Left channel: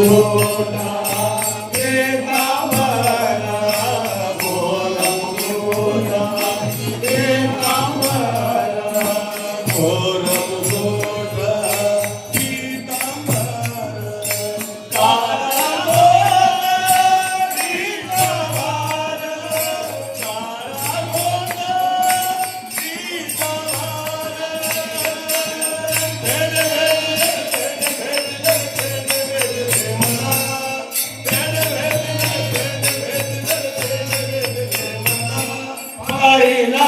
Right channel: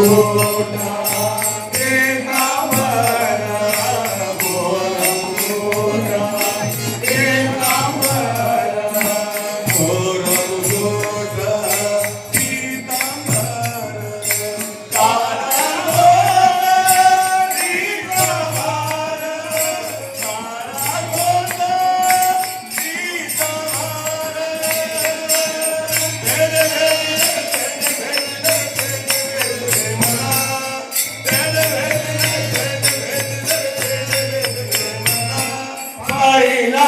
Oh, Oh, Nandana